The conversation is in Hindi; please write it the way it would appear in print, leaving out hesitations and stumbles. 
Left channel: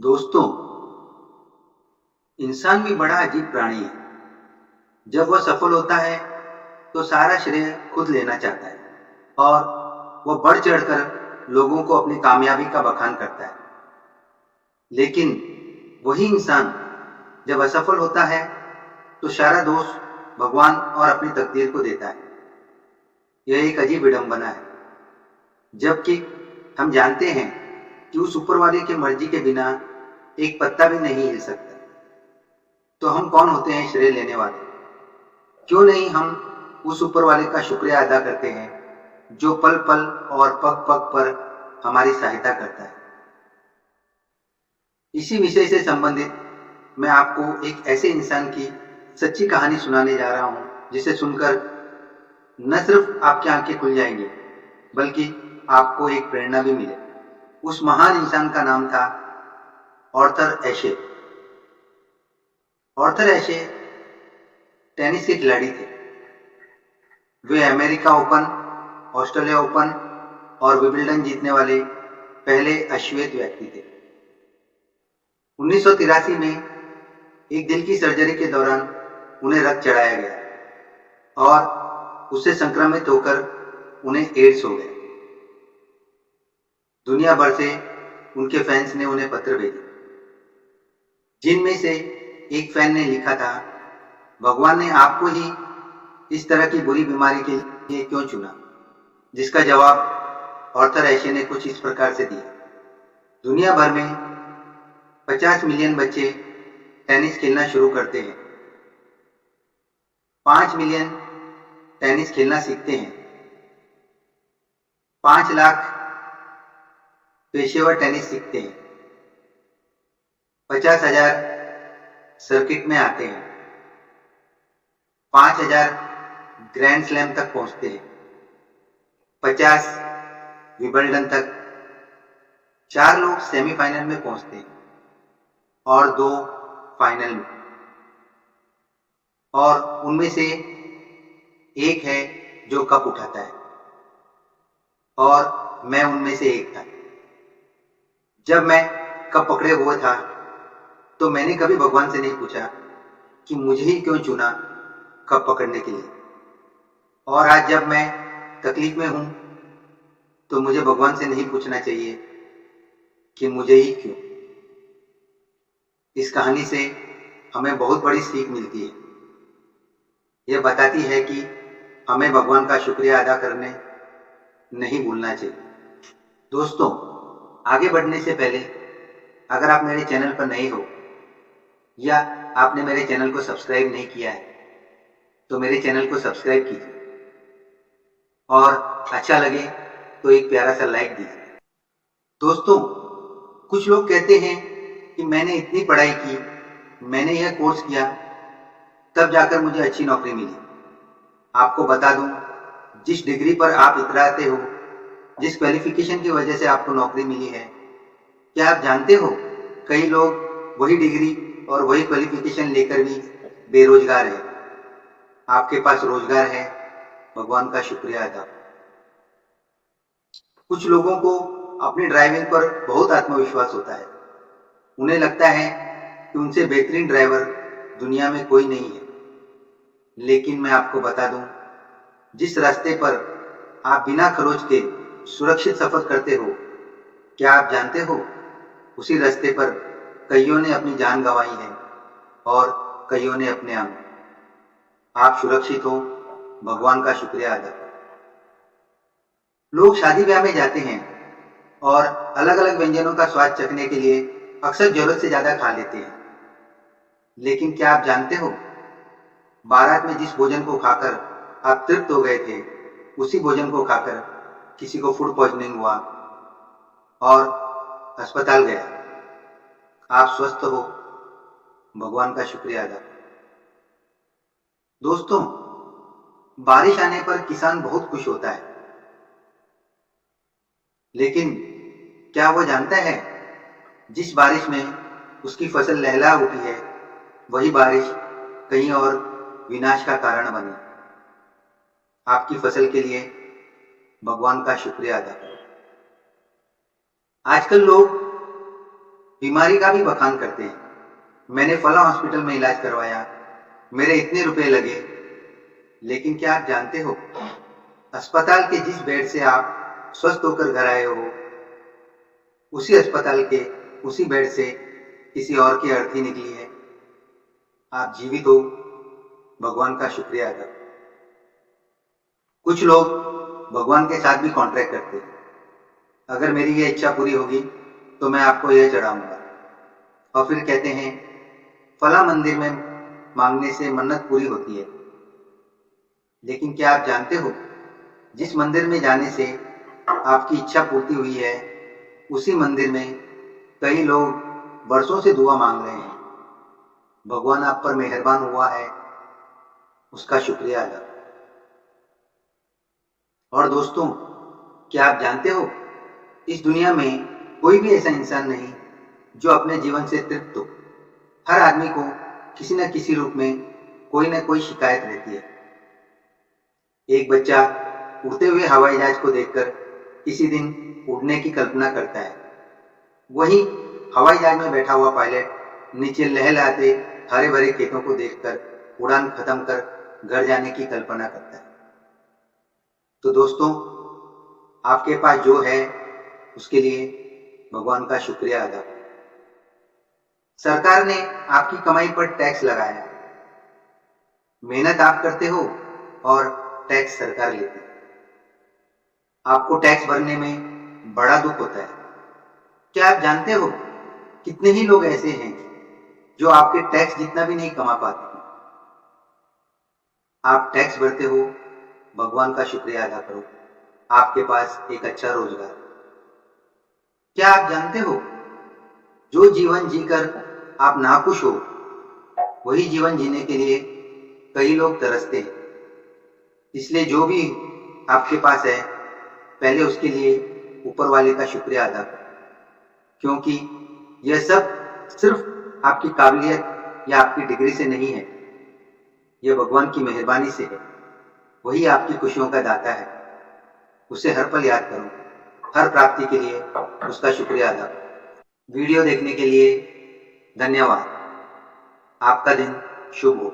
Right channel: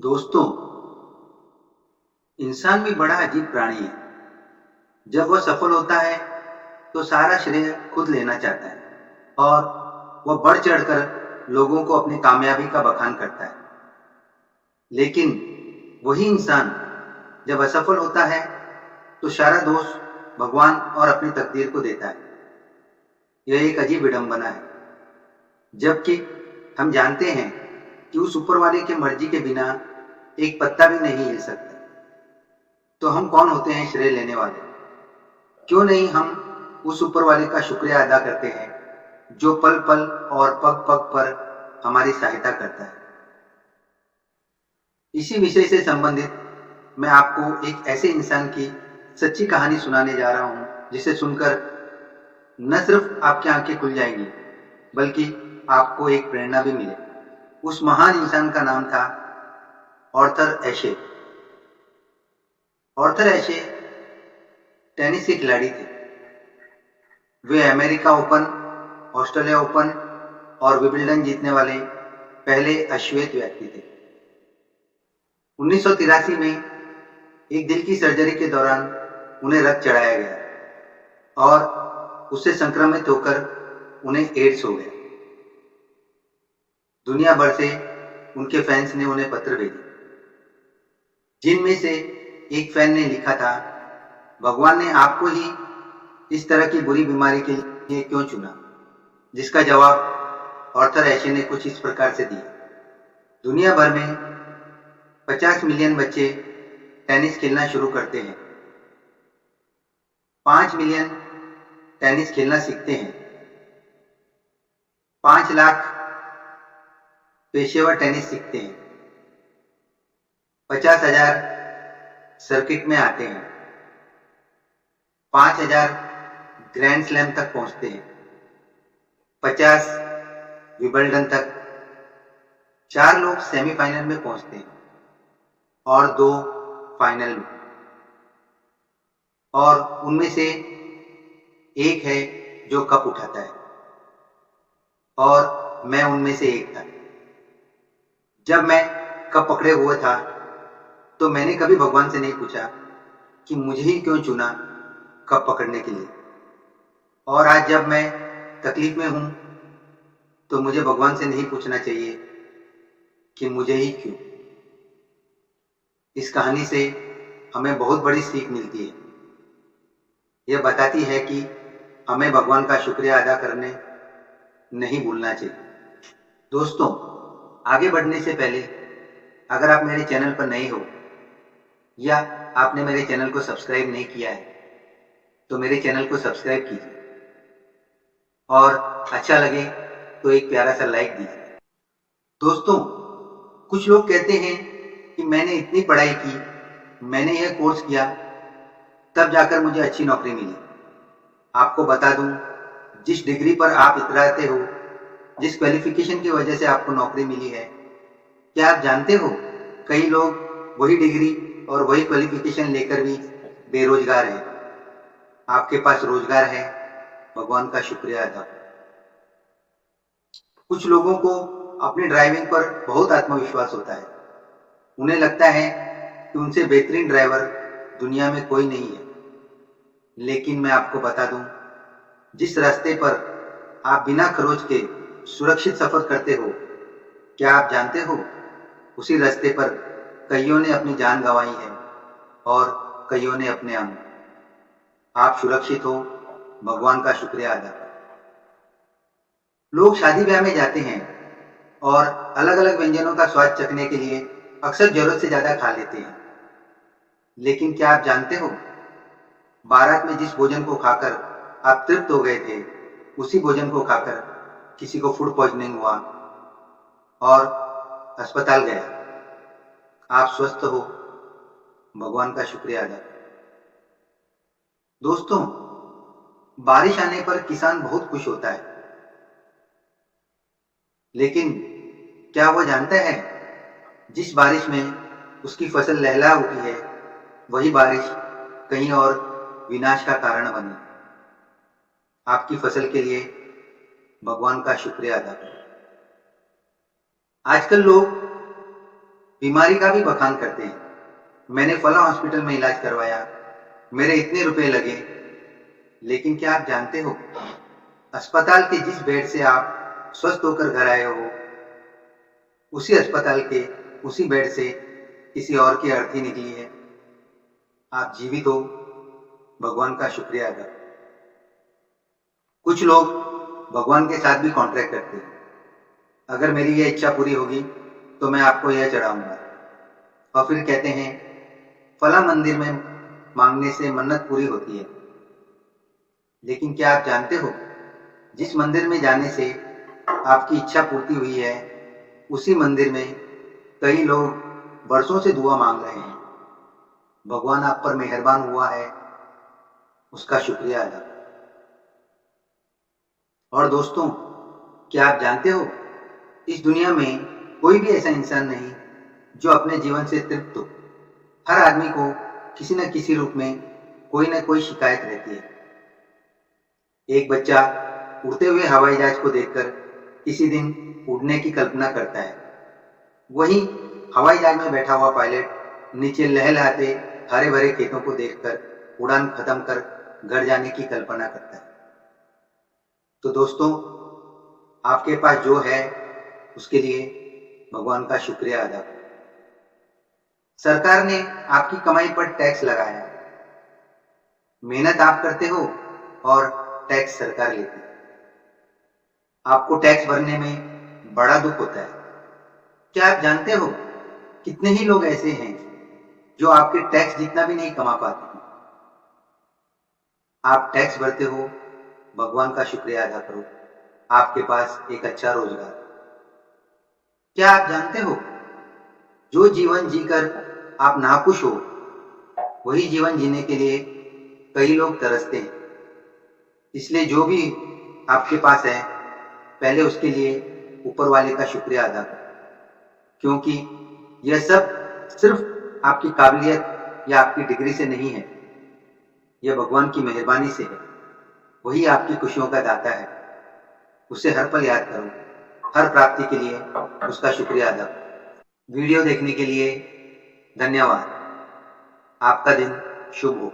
दोस्तों, इंसान भी बड़ा अजीब प्राणी है। जब वह सफल होता है तो सारा श्रेय खुद लेना चाहता है और वह बढ़ चढ़कर लोगों को अपनी कामयाबी का बखान करता है। लेकिन वही इंसान जब असफल होता है तो सारा दोष भगवान और अपनी तकदीर को देता है। यह एक अजीब विडंबना है, जबकि हम जानते हैं कि उस ऊपर वाले की मर्जी के बिना एक पत्ता भी नहीं हिल सकता। तो हम कौन होते हैं श्रेय लेने वाले? क्यों नहीं हम उस ऊपर वाले का शुक्रिया अदा करते हैं जो पल पल और पग पग पर हमारी सहायता करता है। इसी विषय से संबंधित मैं आपको एक ऐसे इंसान की सच्ची कहानी सुनाने जा रहा हूं जिसे सुनकर न सिर्फ आपकी आंखें खुल जाएंगी बल्कि आपको एक प्रेरणा भी मिले। उस महान इंसान का नाम था आर्थर एशे। आर्थर एशे टेनिस के खिलाड़ी थे। वे अमेरिका ओपन, ऑस्ट्रेलिया ओपन और विंबलडन जीतने वाले पहले अश्वेत व्यक्ति थे। 1983 में एक दिल की सर्जरी के दौरान उन्हें रक्त चढ़ाया गया और उससे संक्रमित होकर उन्हें एड्स हो गया। दुनिया भर से उनके फैंस ने उन्हें पत्र भेजे, जिनमें से एक फैन ने लिखा था, भगवान ने आपको ही इस तरह की बुरी बीमारी के लिए क्यों चुना? जिसका जवाब आर्थर एशे ने कुछ इस प्रकार से दिया। दुनिया भर में 50 मिलियन बच्चे टेनिस खेलना शुरू करते हैं। 5 मिलियन टेनिस खेलना सीखते हैं। 5 लाख पेशेवर टेनिस सीखते हैं। 50,000 सर्किट में आते हैं। 5,000 ग्रैंड स्लैम तक पहुंचते हैं। 50 विंबलडन तक। 4 लोग सेमीफाइनल में पहुंचते हैं और 2 फाइनल में, और उनमें से एक है जो कप उठाता है, और मैं उनमें से एक था। जब मैं कप पकड़े हुए था तो मैंने कभी भगवान से नहीं पूछा कि मुझे ही क्यों चुना कप पकड़ने के लिए। और आज जब मैं तकलीफ में हूं तो मुझे भगवान से नहीं पूछना चाहिए कि मुझे ही क्यों। इस कहानी से हमें बहुत बड़ी सीख मिलती है। यह बताती है कि हमें भगवान का शुक्रिया अदा करने नहीं भूलना चाहिए। दोस्तों, आगे बढ़ने से पहले अगर आप मेरे चैनल पर नए हो या आपने मेरे चैनल को सब्सक्राइब नहीं किया है तो मेरे चैनल को सब्सक्राइब कीजिए और अच्छा लगे तो एक प्यारा सा लाइक दीजिए। दोस्तों, कुछ लोग कहते हैं कि मैंने इतनी पढ़ाई की, मैंने यह कोर्स किया, तब जाकर मुझे अच्छी नौकरी मिली। आपको बता दूं, जिस डिग्री पर आप इतराते हो, जिस क्वालिफिकेशन की वजह से आपको नौकरी मिली है, क्या आप जानते हो कई लोग वही डिग्री और वही क्वालिफिकेशन लेकर भी बेरोजगार है। आपके पास रोजगार है, भगवान का शुक्रिया अदा। कुछ लोगों को अपनी ड्राइविंग पर बहुत आत्मविश्वास होता है। उन्हें लगता है कि उनसे बेहतरीन ड्राइवर दुनिया में कोई नहीं है। लेकिन मैं आपको बता दूं, जिस रास्ते पर आप बिना खरोच के सुरक्षित सफर करते हो, क्या आप जानते हो उसी रास्ते पर कईयों ने अपनी जान गंवाई है और कईयों ने अपने अंग। आप सुरक्षित हो, भगवान का शुक्रिया अदा करें। लोग शादी ब्याह में जाते हैं और अलग अलग व्यंजनों का स्वाद चखने के लिए अक्सर जरूरत से ज्यादा खा लेते हैं। लेकिन क्या आप जानते हो, बारात में जिस भोजन को खाकर आप तृप्त हो गए थे, उसी भोजन को खाकर किसी को फूड पॉइजनिंग हुआ और अस्पताल गया। आप स्वस्थ हो, भगवान का शुक्रिया अदा करें। दोस्तों, बारिश आने पर किसान बहुत खुश होता है, लेकिन क्या वो जानता है जिस बारिश में उसकी फसल लहला उठी है, वही बारिश कहीं और विनाश का कारण बने। आपकी फसल के लिए भगवान का शुक्रिया अदा करें। आजकल लोग बीमारी का भी बखान करते हैं। मैंने फला हॉस्पिटल में इलाज करवाया, मेरे इतने रुपए लगे। लेकिन क्या आप जानते हो, अस्पताल के जिस बेड से आप स्वस्थ होकर घर आए हो, उसी अस्पताल के उसी बेड से किसी और की अर्थी निकली है। आप जीवित हो, भगवान का शुक्रिया अदा करो। कुछ लोग भगवान के साथ भी कॉन्ट्रैक्ट करते हैं, अगर मेरी यह इच्छा पूरी होगी तो मैं आपको यह चढ़ाऊंगा। और फिर कहते हैं फला मंदिर में मांगने से मन्नत पूरी होती है। लेकिन क्या आप जानते हो, जिस मंदिर में जाने से आपकी इच्छा पूर्ति हुई है, उसी मंदिर में कई लोग बरसों से दुआ मांग रहे हैं। भगवान आप पर मेहरबान हुआ है, उसका शुक्रिया अदा करो। और दोस्तों, क्या आप जानते हो, इस दुनिया में कोई भी ऐसा इंसान नहीं जो अपने जीवन से तृप्त हो। हर आदमी को किसी न किसी रूप में कोई न कोई शिकायत रहती है। एक बच्चा उड़ते हुए हवाई जहाज को देखकर किसी दिन उड़ने की कल्पना करता है। वहीं हवाई जहाज में बैठा हुआ पायलट नीचे लहलहाते हरे भरे खेतों को देखकर उड़ान खत्म कर घर जाने की कल्पना करता है। तो दोस्तों, आपके पास जो है उसके लिए भगवान का शुक्रिया अदा करो। सरकार ने आपकी कमाई पर टैक्स लगाया है। मेहनत आप करते हो और टैक्स सरकार लेती है। आपको टैक्स भरने में बड़ा दुख होता है। क्या आप जानते हो, कितने ही लोग ऐसे हैं जो आपके टैक्स जितना भी नहीं कमा पाते हैं। आप टैक्स भरते हो, भगवान का शुक्रिया अदा करो, आपके पास एक अच्छा रोजगार। क्या आप जानते हो, जो जीवन जीकर आप नाखुश हो, वही जीवन जीने के लिए कई लोग तरसते हैं। इसलिए जो भी आपके पास है, पहले उसके लिए ऊपर वाले का शुक्रिया अदा करो, क्योंकि यह सब सिर्फ आपकी काबिलियत या आपकी डिग्री से नहीं है, यह भगवान की मेहरबानी से है। वही आपकी खुशियों का दाता है। उसे हर पल याद करो, हर प्राप्ति के लिए उसका शुक्रिया अदा करो। वीडियो देखने के लिए धन्यवाद। आपका दिन शुभ हो।